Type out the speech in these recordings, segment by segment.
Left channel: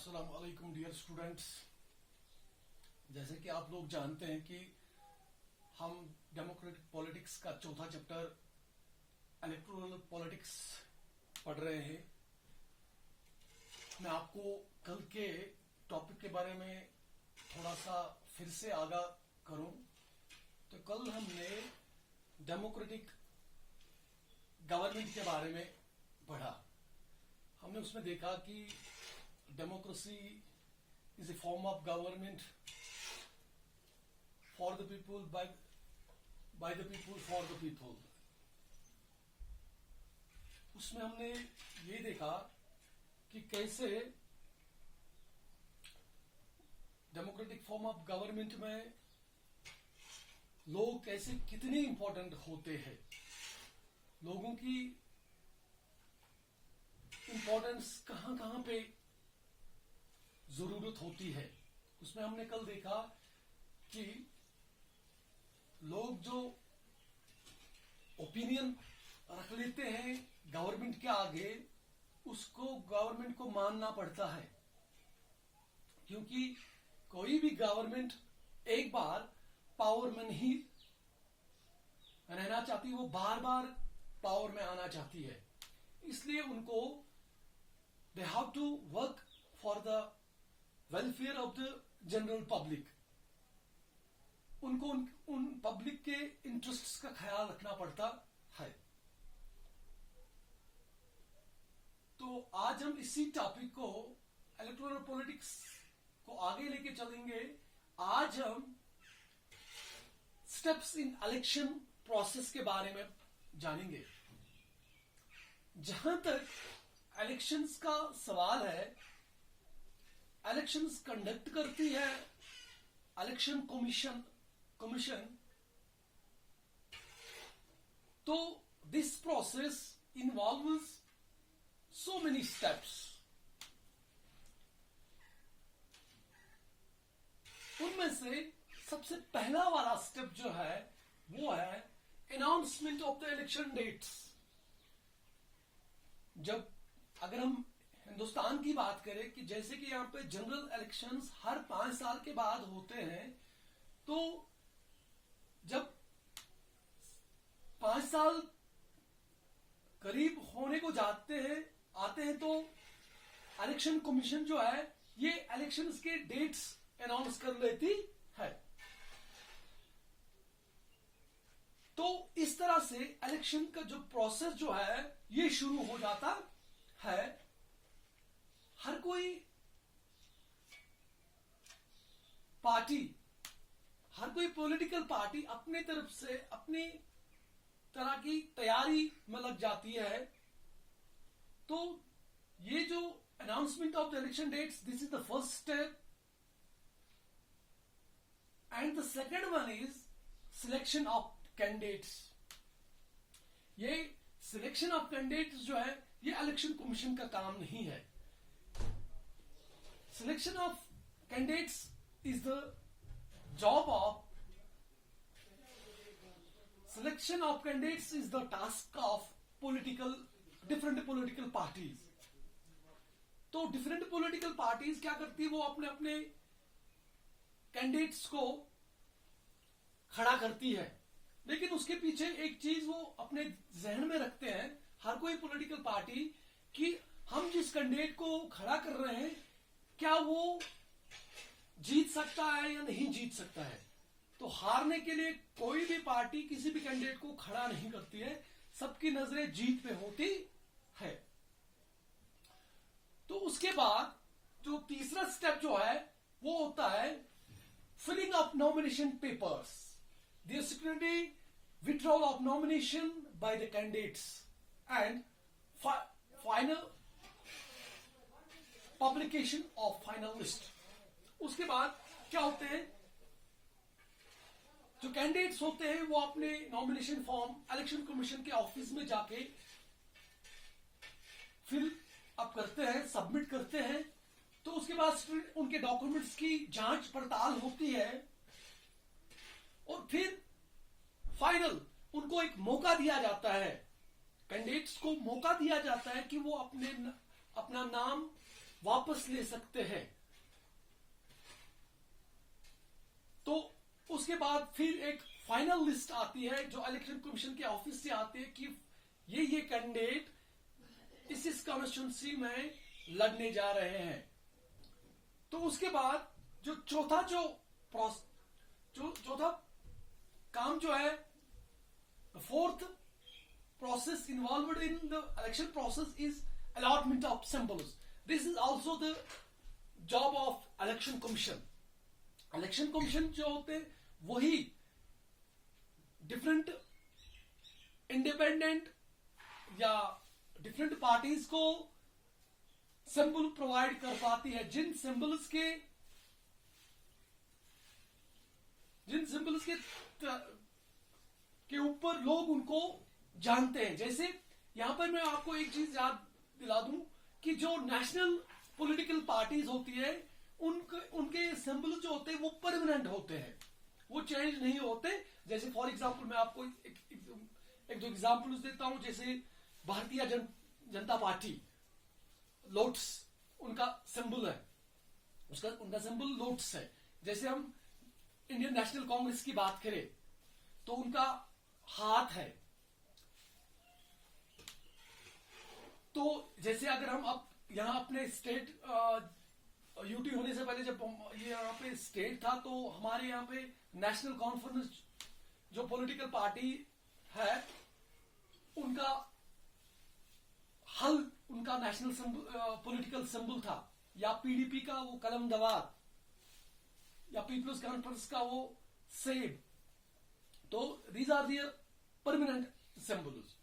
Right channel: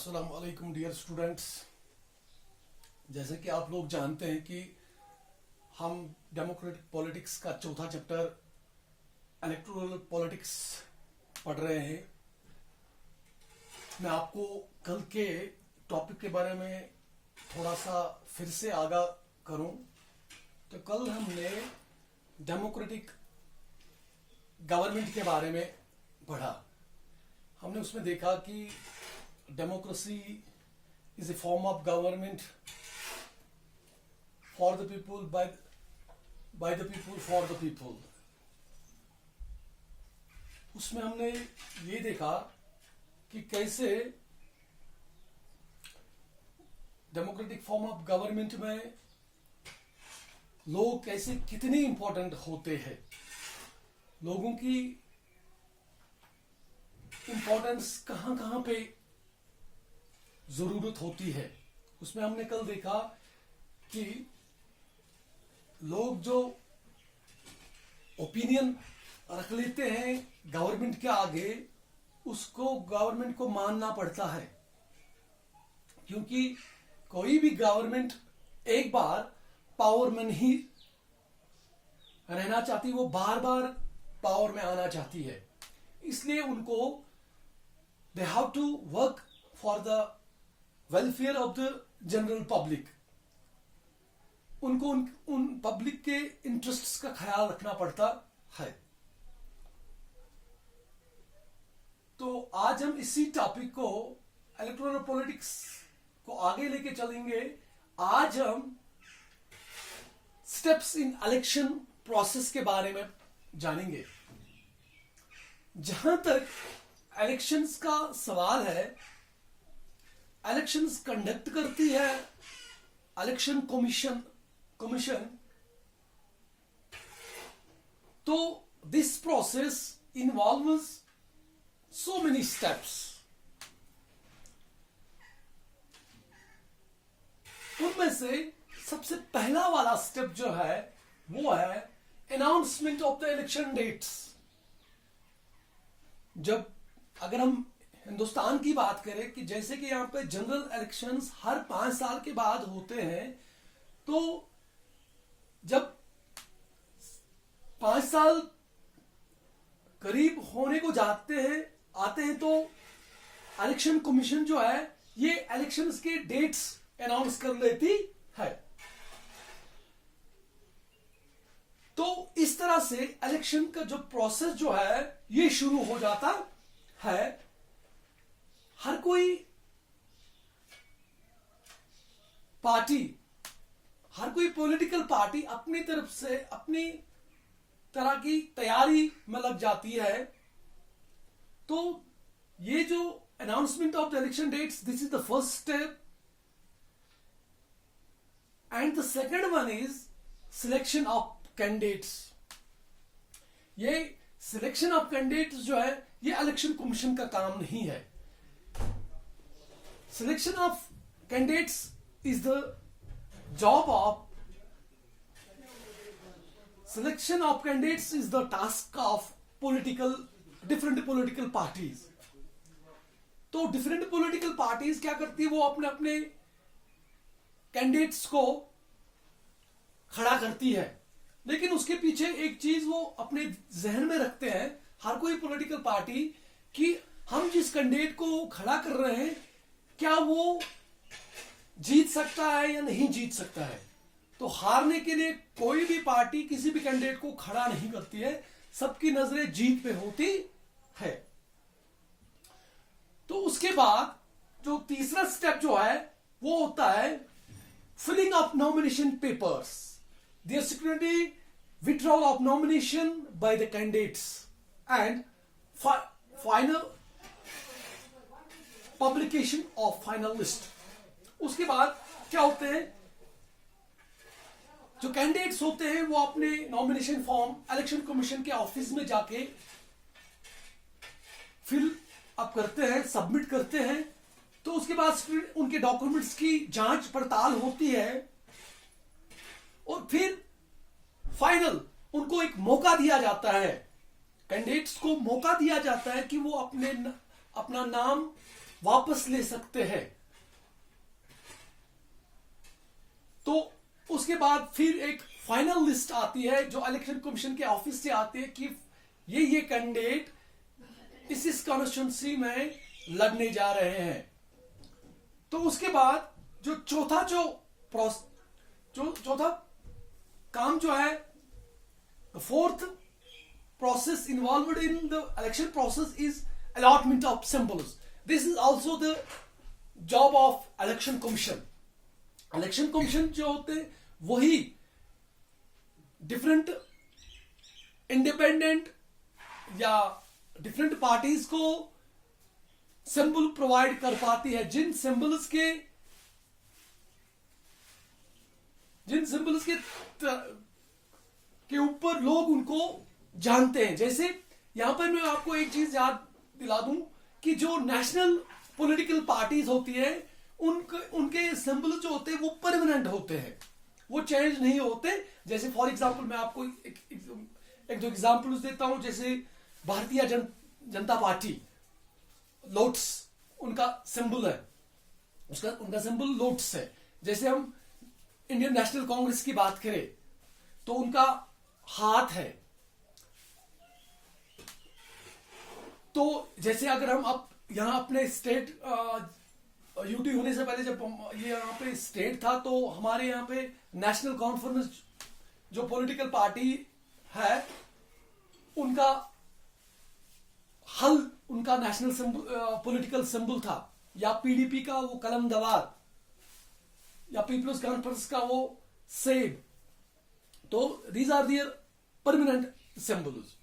अस्सलाम वालेकुम dear students. जैसे कि आप लोग जानते हैं कि हम डेमोक्रेटिक पॉलिटिक्स का चौथा चैप्टर इलेक्टोरल पॉलिटिक्स पढ़ रहे हैं। मैं आपको कल के टॉपिक के बारे में थोड़ा सा फिर से आगाह करूं तो कल हमने डेमोक्रेटिक गवर्नमेंट के बारे में पढ़ा। हमने उसमें देखा कि democracy is a form of government for the people by the people for the people. उसमें हमने ये देखा कि कैसे डेमोक्रेटिक फॉर्म ऑफ गवर्नमेंट में लोग कैसे कितने इंपॉर्टेंट होते हैं, लोगों की इंपॉर्टेंस कहां कहां पे जरूरत होती है। उसमें हमने कल देखा कि लोग जो ओपिनियन रख लेते हैं गवर्नमेंट के आगे, उसको गवर्नमेंट को मानना पड़ता है, क्योंकि कोई भी गवर्नमेंट एक बार पावर में नहीं रहना चाहती, वो बार बार पावर में आना चाहती है। इसलिए उनको they have to work for the welfare of the general public. उनको उन पब्लिक के इंटरेस्ट्स का ख्याल रखना पड़ता है। तो आज हम इसी टॉपिक को, इलेक्टोरल पॉलिटिक्स को आगे लेके चलेंगे। आज हम स्टेप्स इन इलेक्शन प्रोसेस के बारे में जानेंगे। जहां तक इलेक्शंस का सवाल है, इलेक्शंस कंडक्ट करती है इलेक्शन कमीशन। तो this process involves so many steps. उनमें से सबसे पहला वाला स्टेप जो है वो है announcement of the election dates. जब अगर हम हिंदुस्तान की बात करें कि जैसे कि यहाँ पे जनरल इलेक्शंस हर 5 साल के बाद होते हैं, तो जब 5 साल करीब होने को आते हैं तो इलेक्शन कमीशन जो है ये इलेक्शंस के डेट्स अनाउंस कर लेती है। तो इस तरह से इलेक्शन का जो प्रोसेस जो है ये शुरू हो जाता है। हर कोई पॉलिटिकल पार्टी अपनी तरफ से अपनी तरह की तैयारी में लग जाती है। तो ये जो announcement of the election dates, this is the first step, and the second one is selection of candidates. ये सिलेक्शन ऑफ कैंडिडेट्स जो है ये इलेक्शन कमीशन का काम नहीं है। Selection of candidates is the job of selection of candidates is the task of different political parties. तो different political parties क्या करती है, वो अपने अपने कैंडिडेट्स को खड़ा करती है, लेकिन उसके पीछे एक चीज वो अपने जहन में रखते हैं हर कोई पॉलिटिकल पार्टी कि हम जिस कैंडिडेट को खड़ा कर रहे हैं क्या वो जीत सकता है या नहीं जीत सकता है। तो हारने के लिए कोई भी पार्टी किसी भी कैंडिडेट को खड़ा नहीं करती है, सबकी नजरें जीत पे होती है। तो उसके बाद जो तीसरा स्टेप जो है वो होता है filling of nomination papers, the security withdrawal of nomination by the candidates and final publication of final list। उसके बाद क्या होते हैं, जो कैंडिडेट्स होते हैं वो अपने नॉमिनेशन फॉर्म इलेक्शन कमीशन के ऑफिस में जाके फिल अप करते हैं, सबमिट करते हैं। तो उसके बाद उनके डॉक्यूमेंट्स की जांच पड़ताल होती है और फिर फाइनल उनको एक मौका दिया जाता है, कैंडिडेट्स को मौका दिया जाता है कि वो अपना नाम वापस ले सकते हैं। तो उसके बाद फिर एक फाइनल लिस्ट आती है जो इलेक्शन कमीशन के ऑफिस से आती है कि ये कैंडिडेट इस कॉन्स्टिट्यूंसी में लड़ने जा रहे हैं। तो उसके बाद जो चौथा काम जो है, fourth process involved in the election process is allotment of symbols. This is also the job of election commission. Election commission जो होते वही डिफरेंट इंडिपेंडेंट या डिफरेंट पार्टीज को सिंबल प्रोवाइड कर पाती है, जिन सिंबल्स के ऊपर लोग उनको जानते हैं। जैसे यहां पर मैं आपको एक चीज याद दिला दूं कि जो नेशनल पॉलिटिकल पार्टीज होती है उनके सिंबल जो होते हैं वो परमानेंट होते हैं, वो चेंज नहीं होते। जैसे फॉर एग्जांपल मैं आपको एक दो एग्जांपल्स देता हूं। जैसे भारतीय जनता पार्टी, लोटस उनका सिंबल है, उनका सिंबल लोटस है। जैसे हम इंडियन नेशनल कांग्रेस की बात करें तो उनका हाथ है। तो जैसे अगर हम यहाँ अपने स्टेट यूटी होने से पहले जब ये यहाँ पे स्टेट था तो हमारे यहाँ पे नेशनल कॉन्फ्रेंस जो पॉलिटिकल पार्टी है उनका उनका नेशनल पॉलिटिकल सिंबल था, या पीडीपी का वो कलम दवार, या पीपल्स कॉन्फ्रेंस का वो सेब। तो these are their permanent symbols.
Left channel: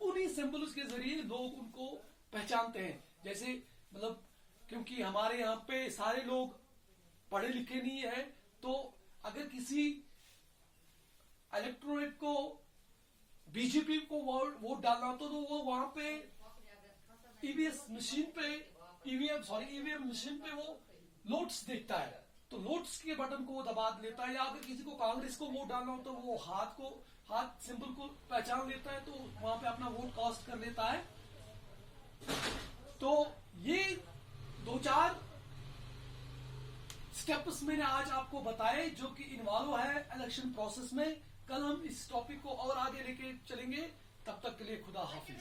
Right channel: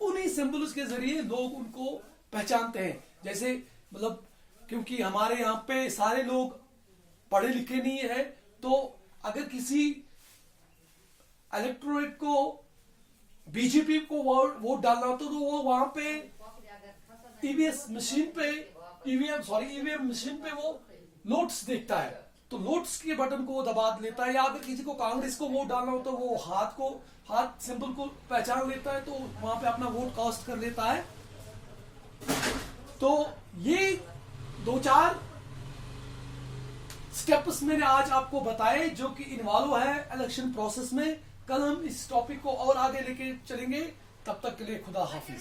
उन्हीं सिंबल्स के जरिए लोग उनको पहचानते हैं। जैसे मतलब क्योंकि हमारे यहाँ पे सारे लोग पढ़े लिखे नहीं है, तो अगर किसी इलेक्टोरेट को बीजेपी को वोट डालना हो तो वो वहां पे ईवीएम मशीन पे वो लोट्स देखता है, तो लोट्स के बटन को वो दबा लेता है। या अगर किसी को कांग्रेस को वोट डालना हो तो वो हाथ सिंबल को पहचान लेता है, तो वहां पे अपना वोट कास्ट कर लेता है। तो ये 2-4 स्टेप्स मैंने आज आपको बताए जो कि इन्वॉल्व है इलेक्शन प्रोसेस में। कल हम इस टॉपिक को और आगे लेके चलेंगे। तब तक के लिए खुदा हाफिज।